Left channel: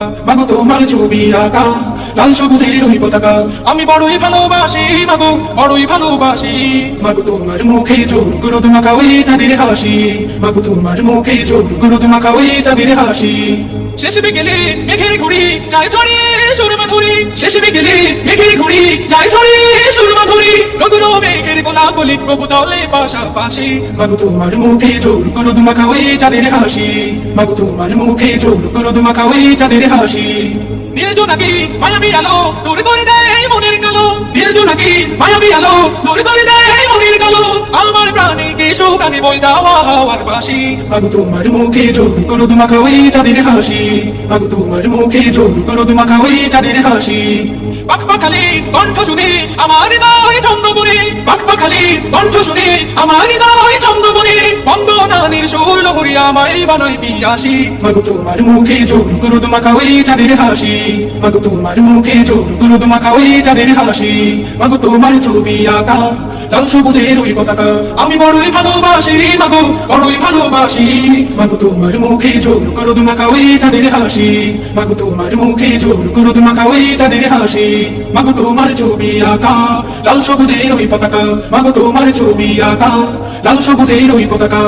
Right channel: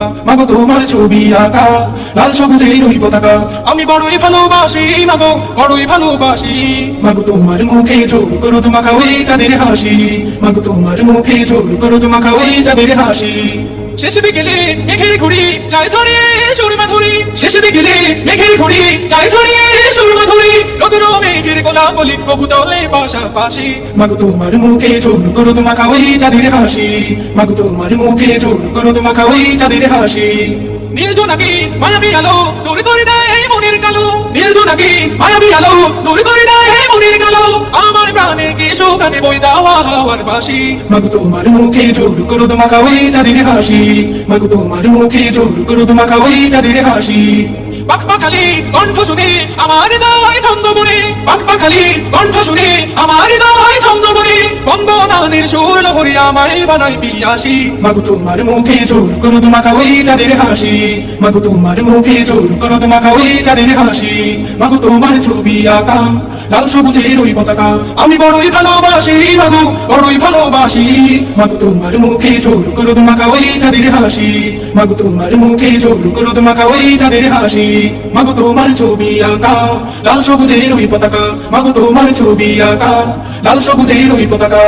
মাগো তোমার ছবি আঁকা লাল সবুজের ওই পতাকা আমি বড়ই ভালোবাসি মাগো বড়ই ভালোবাসি মাগো তোমার মুখে ঝোল করো তোমাকা ওই চাঁদের হাসি মাগো তোমার মুখে ঝোল করো তোমাকা ওই চাঁদের হাসি শেষ বিকেলে মেঘে ঘুরি যায় ছড়িয়ে সুরমা ধরি শেষ বিকেলে মেঘে ঘুরি যায় ছড়িয়ে সুরমা ধরি রোদুর মেঘের গোলাপ বলি কবুতলে পাশাপাশি মাগো তোমার মুখে ঝোল করো তোমাকা ওই চাঁদের হাসি মাগো তোমার মুখে ঝোল করো তোমাকা ওই চাঁদের হাসি নীল জোনাকি মায়াবী আলো দূর করে দেয় মনের কালো নীল জোনাকি মায়াবী আলো দূর করে দেয় মনের কালো আমার প্রাণে কে শোকানি বই যাওয়া হাওয়ার বাসি মাগো তোমার মুখে ঝোল করো তোমাকা ওই চাঁদের হাসি মাগো তোমার মুখে ঝোল করো তোমাকা ওই চাঁদের হাসি পাখপাখালি কণ্ঠ শুনে আমার হৃদয় ছন্দ বনে পাখপাখালি কণ্ঠ শুনে আমার হৃদয় ছন্দ বনে বন্দনাদের সুর হরি আমায় বানাই পিয়াসি মাগো তোমার মুখে ঝোল করো তোমাকা ওই চাঁদের হাসি মাগো তোমার মুখে ঝোল করো তোমাকা ওই চাঁদের হাসি মাগো তোমার ছবি আঁকা লাল সবুজের ওই পতাকা আমি বড়ই ভালোবাসি মাগো বড়ই ভালোবাসি মাগো তোমার মুখে ঝোল করো তোমাকা ওই চাঁদের হাসি মাগো তোমার মুখে ঝোল করো তোমাকা ওই চাঁদের হাসি মাগো তোমার ছবি আঁকা লাল সবুজের ওই পতাকা মাগো তোমার ছবি আঁকা লাল সবুজের ওই পতাকা